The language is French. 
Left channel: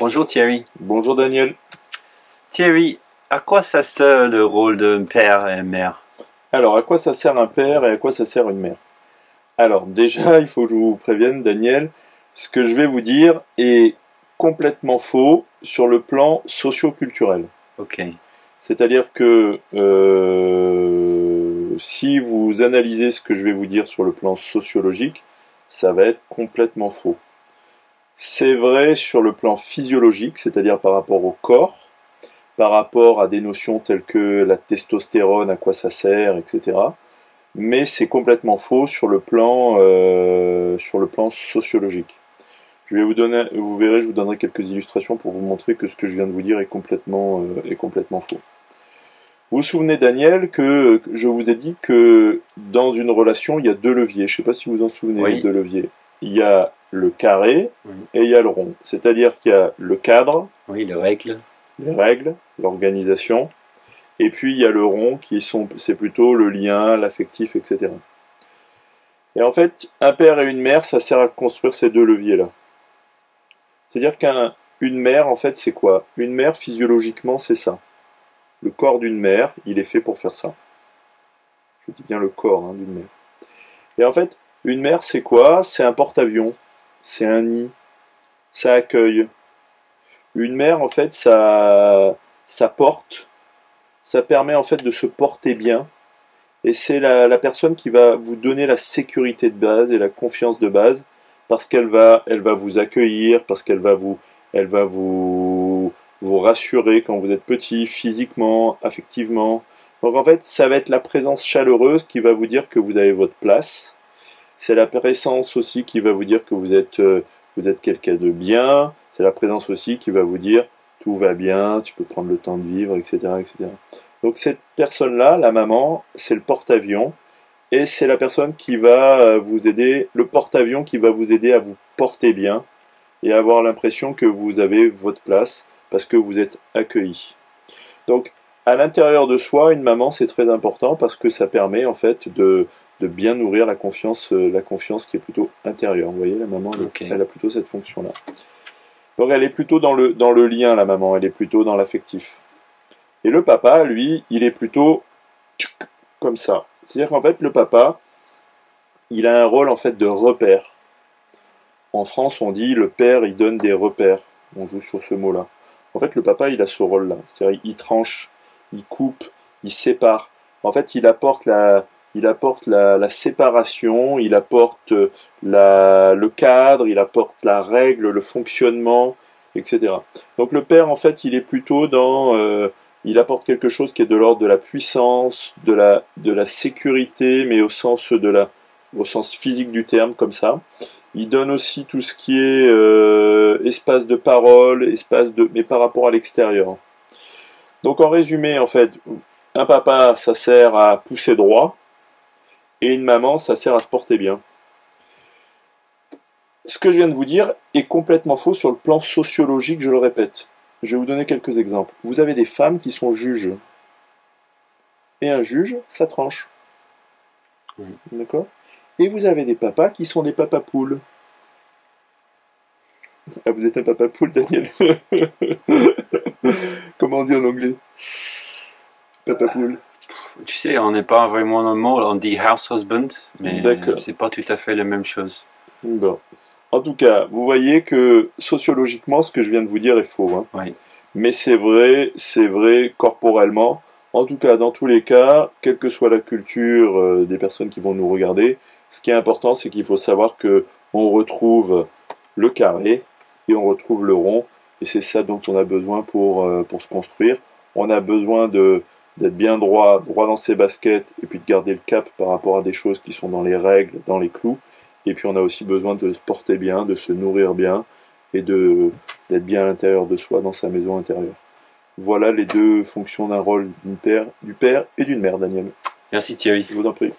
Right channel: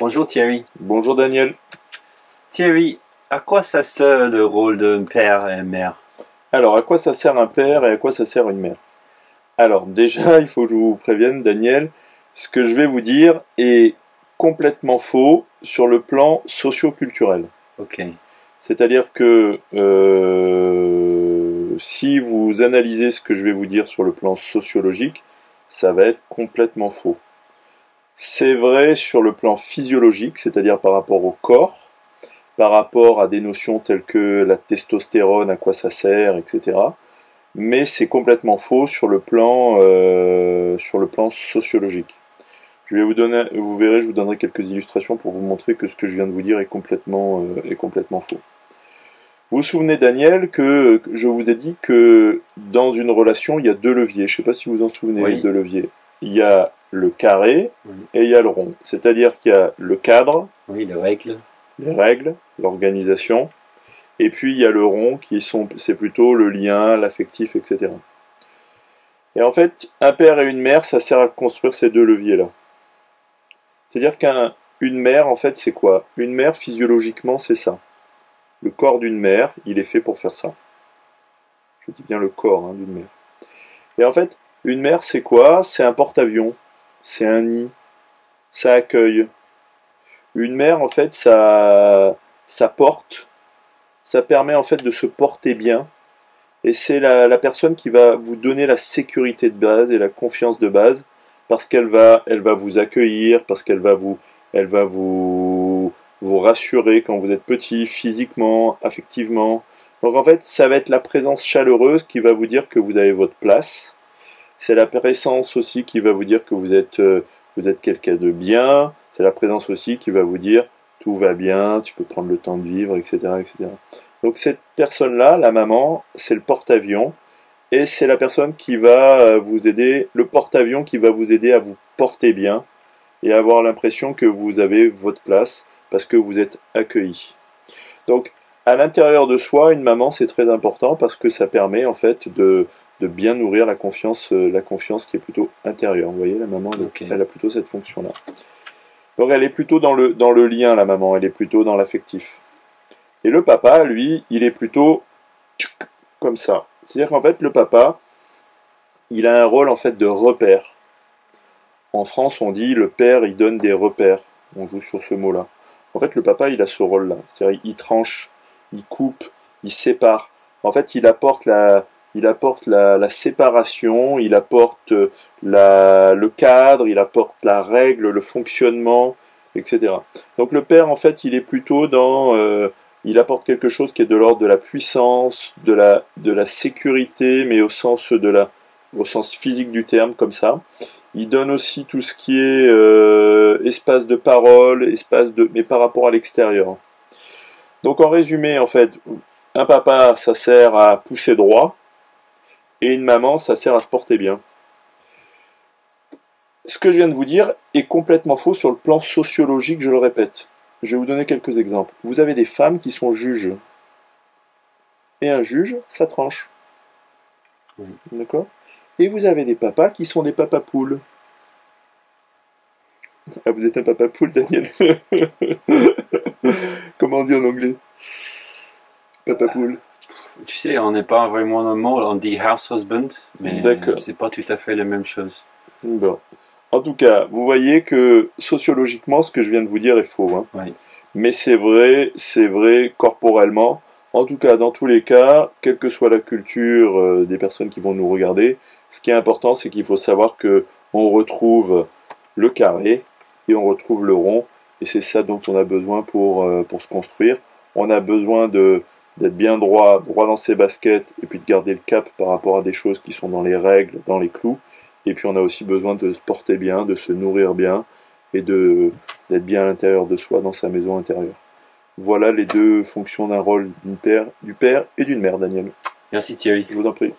Bonjour Thierry. Bonjour Daniel. Thierry, à quoi ça sert le rôle d'un père et une mère? Alors, à quoi ça sert un père et à quoi ça sert une mère? Alors, déjà, il faut que je vous prévienne, Daniel, ce que je vais vous dire est complètement faux sur le plan socio-culturel. Ok, C'est-à-dire que si vous analysez ce que je vais vous dire sur le plan sociologique, ça va être complètement faux. C'est vrai sur le plan physiologique, c'est-à-dire par rapport au corps, par rapport à des notions telles que la testostérone, à quoi ça sert, etc. Mais c'est complètement faux sur le plan sociologique. Je vais vous donner, vous verrez, je vous donnerai quelques illustrations pour vous montrer que ce que je viens de vous dire est complètement faux. Vous vous souvenez, Daniel, que je vous ai dit que dans une relation, il y a deux leviers. Je ne sais pas si vous vous en souvenez, les oui, deux leviers. Il y a le carré oui, et il y a le rond. C'est-à-dire qu'il y a le cadre, oui, les règles. les règles, l'organisation, et puis il y a le rond c'est plutôt le lien, l'affectif, etc. Et en fait, un père et une mère, ça sert à construire ces deux leviers-là. C'est-à-dire qu'une mère, en fait, c'est quoi? Une mère, physiologiquement, c'est ça. Le corps d'une mère, il est fait pour faire ça. Je dis bien le corps d'une mère. Et en fait, une mère, c'est quoi? C'est un porte-avions, c'est un nid, ça accueille. Une mère, en fait, ça porte, ça permet en fait de se porter bien. Et c'est la personne qui va vous donner la sécurité de base et la confiance de base parce elle va vous accueillir, parce elle va vous rassurer quand vous êtes petit, physiquement, affectivement. Donc en fait, ça va être la présence chaleureuse qui va vous dire que vous avez votre place. C'est la présence aussi qui va vous dire que vous êtes quelqu'un de bien. C'est la présence aussi qui va vous dire tout va bien, tu peux prendre le temps de vivre, etc., etc. Donc cette personne-là, la maman, c'est le porte-avions et c'est la personne qui va vous aider, le porte-avions qui va vous aider à vous porter bien et à avoir l'impression que vous avez votre place parce que vous êtes accueilli. Donc à l'intérieur de soi, une maman, c'est très important parce que ça permet en fait de bien nourrir la confiance qui est plutôt intérieure. Vous voyez, la maman, Ok. elle a plutôt cette fonction-là. Donc elle est plutôt dans le lien, la maman, elle est plutôt dans l'affectif. Et le papa, lui, il est plutôt comme ça. C'est-à-dire qu'en fait, le papa, il a un rôle en fait de repère. En France, on dit le père, il donne des repères. On joue sur ce mot-là. En fait, le papa, il a ce rôle-là. C'est-à-dire, il tranche, il coupe, il sépare. En fait, il apporte la séparation, il apporte le cadre, il apporte la règle, le fonctionnement, etc. Donc le père, en fait, il est plutôt il apporte quelque chose qui est de l'ordre de la puissance, de la sécurité, mais au sens physique du terme, comme ça. Il donne aussi tout ce qui est espace de parole, mais par rapport à l'extérieur. Donc en résumé, en fait, un papa, ça sert à pousser droit, et une maman, ça sert à se porter bien. Ce que je viens de vous dire est complètement faux sur le plan sociologique, je le répète. Je vais vous donner quelques exemples. Vous avez des femmes qui sont juges. Et un juge, ça tranche. Oui. D'accord? Et vous avez des papas qui sont des papas poules. Ah, vous êtes un papa poule, Daniel? Comment on dit en anglais? Papa poule. Tu sais, on n'est pas vraiment dans le mot, on dit house husband, mais D'accord. c'est pas tout à fait la même chose. Bon. En tout cas, vous voyez que sociologiquement, ce que je viens de vous dire est faux, hein. Oui, Mais c'est vrai corporellement. En tout cas, dans tous les cas, quelle que soit la culture des personnes qui vont nous regarder, ce qui est important, c'est qu'il faut savoir que on retrouve le carré et on retrouve le rond, et c'est ça dont on a besoin pour se construire. On a besoin d'être bien droit, droit dans ses baskets, et puis de garder le cap par rapport à des choses qui sont dans les règles, dans les clous. Et puis on a aussi besoin de se porter bien, de se nourrir bien, et d'être bien à l'intérieur de soi, dans sa maison intérieure. Voilà les deux fonctions d'un rôle du père et d'une mère, Daniel. merci Thierry. Je vous en prie.